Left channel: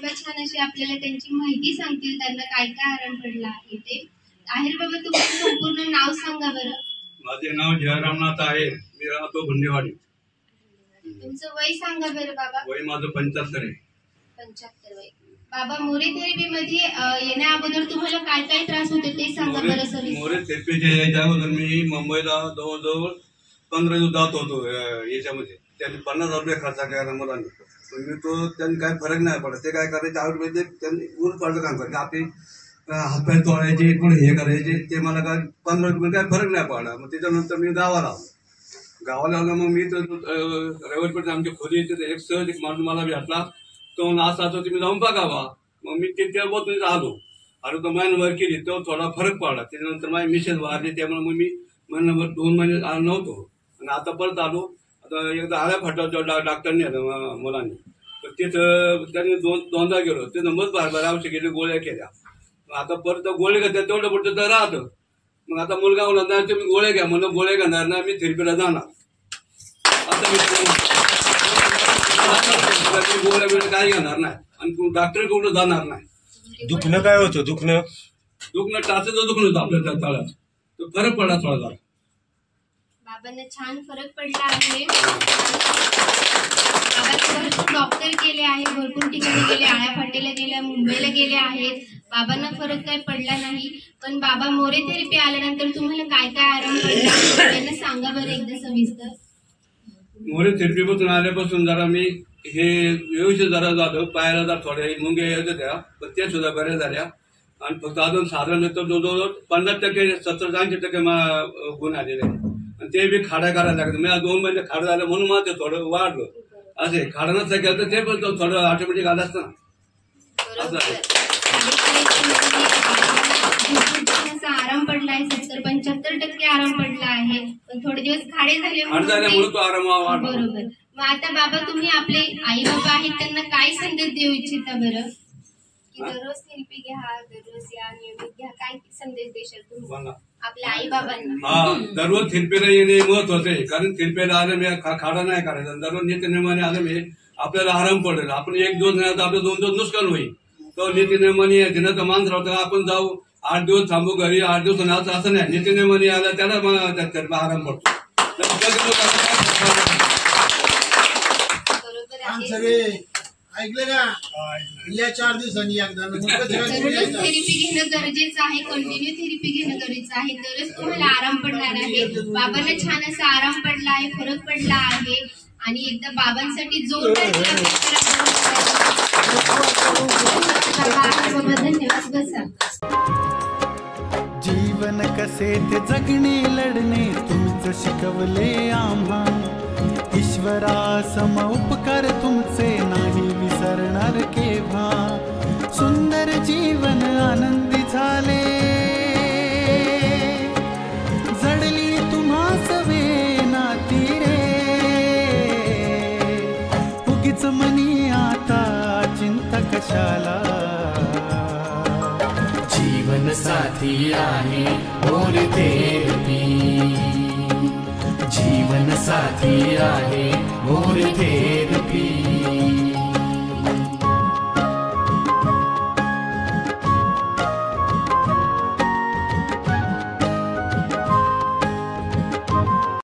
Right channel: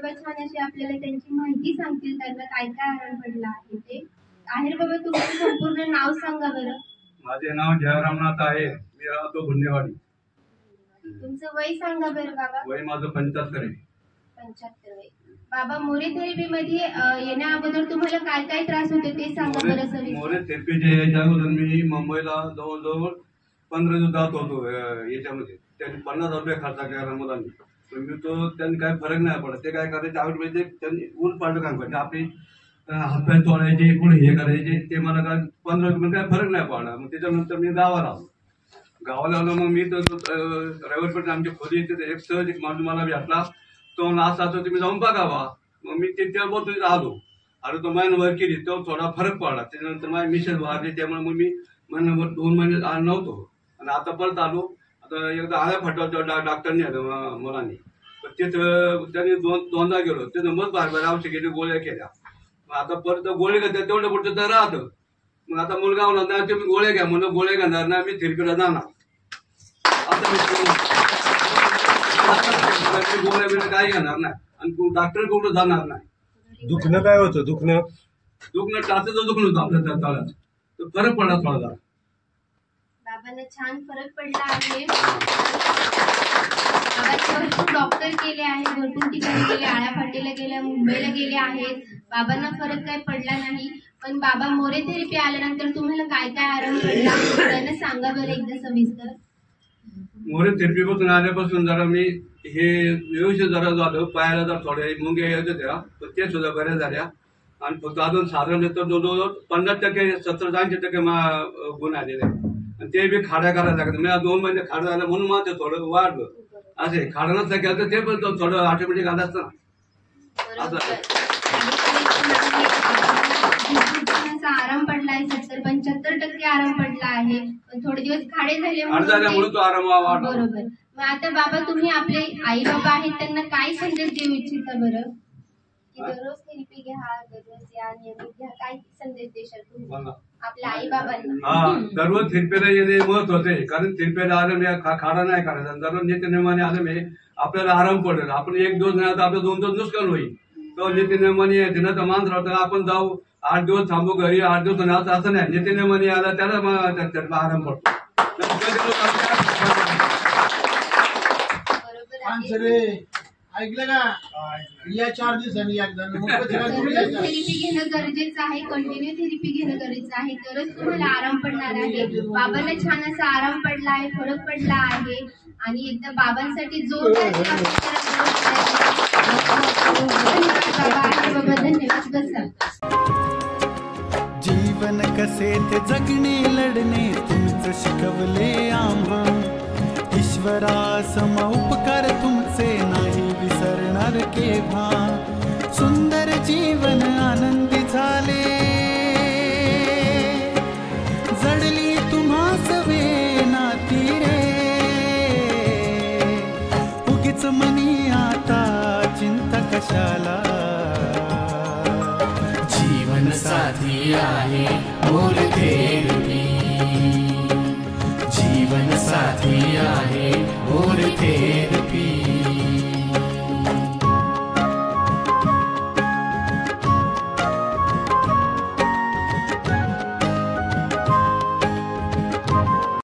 बाबा छान अशी आपल्याला त्यांची माहिती सांगतील, त्यांना काय काय आराम पडला आहे ते. आहेर बाबा तुमचं संपूर्ण नाव सांगा बरं. माझे नाव जयरामनाथ आहे, मी राहतो गुंडेवाडी. तुमचं वय सांगा बरं बाबा. वय माझं 75 आहे. 75 वय. बाबा मोरे थेरपी मध्ये येण्या अगोदर तुम्हाला काय काय त्रास होते ते सांगा बरं सर. मोरे थेरपीच्या याच्या अगोदर मी मुंबईला जवळजवळ 15 दिवस जात होतो. याच्यामध्ये त्यांनी 50,000 रुपये खर्च केला मुलांनी. मी तो त्यांनी काय फरक नाही पडला. ते काय करायचे आयुर्वेदिक त्यांनी उर पाडलं काम करायचे. आपली हातपाय तोडायचे पुढे हे करायचे. ते मला काय 15 रुपये काय फरक नाही पडला. मग त्याच्यानंतर मी गावाला आलो. गावाला आलो मग मी तर रविवारपर्यंत आमच्या खोली येते. एक सहज एक माणूस मला भेटला. तो असा तर तुम्ही जाऊन बघावा. मग मी तिथे बोलतो आलो आणि तो महिनाभर केली तो थोडा फरक पडला. त्याच्यानंतर माझी मिसेस वारली, त्यामुळे मग मी महिनाभर 2 महिने आलो नव्हतो. आणि आता परत आलो. आता एकदा आळ्या फाटाच्या डॉक्टरने मुलांनी तर तिथं त्यांनी दोनदा गेलो. तिथं मग बार औषध केली, गोळ्या केल्या. आता परत गोळ्या घेतल्या तेवढं पुढचं तर राहतं. मग आता मुलगा म्हणला नाही तुम्ही गोळ्या घ्या. म्हणलं गोळ्या घेणार नाही, मी थेरपीला जाणार. आता मी गोळ्या बिळ्या काय घेणार नाही आणि डॉक्टर कुठं जाणार नाही. दुखणं काय होतं? दुखणं टाचाचं दुखणं होतं आपल्या त्या तळ्यात. तर फरक पडला थोडा जरा. बाबांना छान फरक पडला आहे. बाबांचे भरपूर डॉक्टर केले आहेत, भरपूर ठिकाणी गेले, आळ्या फाटेला गेल्या, मुंबईला गेले आहेत. बाबांना फरक काही पडला नाही. पण बाबा मोरे थेरपी आल्यानंतर तुम्हाला काय काय आराम पडला त्यांना सांगा बरं एकदा सविस्तर. मोरे थेरपी पासून आल्यापासून जरा मी हे व्यवस्थित जरा झालं. पायाला जरा थोड्या मुंग्या येत होत्या पण त्या सुद्धा बऱ्या झाल्या. आणि फक्त अजून साधारण तर जवळजवळ 50%, 70-80% गुण आलेले. आणि ते बी खाड्या करायला लागले. मी 2 महिने खाडं झालं म्हणून माझं थोडं वाढलं. असे खाडं नसतं केलं तर ते पण थोडं ऑटोमॅटिक आलं असतं ना. असं आराम पडला आहे. 70-75% आराम पडला आहे. पण थोडे दिवस खाडे झाल्यामुळे तो आराम वाढला. बरोबर. मग आता बाबा तुम्ही आपले आई बाबा आहेत त्यांना काय संदेश देऊ इच्छिता बरं? की दररोज थेरपी घ्या, दररोज या, नियमित घ्या, काय संदेश देशाल तुम्ही आपल्या आई बाबांना? दररोज थेरपीला येणे महत्वाचं आहे. कारण थेरपीला आलं मी खाडा नाही करायचा. दररोज नित्यनेमाने आलं मी आपल्याला आराम पडेल. आपण 1 दिवस नाही तर आपलं 2 दिवस नुकसान होईल. तो नित्यनेमाने येते ना तर माणूस राहतं आपण जाऊ 8 दिवस थांबू घरी 8 दिवस नाही असं नाही. नित्यनेमाने आला त्याला आराम पडतो. ऐकलं का? या 4 दिवसांनी एकदा थेरपी घेणं गरजेचं आहे. कंटिन्यू थेरपी घेणं गरजेचं आहे. तरच तुम्हाला आराम पडणार आहे. बाबांना छान असा आराम पडला आहे, फरक पडला आहे. आणि एकदा बाबांसाठी जोरदार धन्यवाद. बसा. जीवन कसे ते जगणे लढणे तुमचं शिकवले आम्हा. ईश्वरा सम उपकार तुमचे नाही विसरणार केव्हा. सुंदर जीवन आनंदी झाले जडली तुम्हास नाती रे. उगीच मनी आता चिंता कशाला. जीवन साथी आहे मोरे थेरपी. जीवन साथी आहे मोरे थेरपी.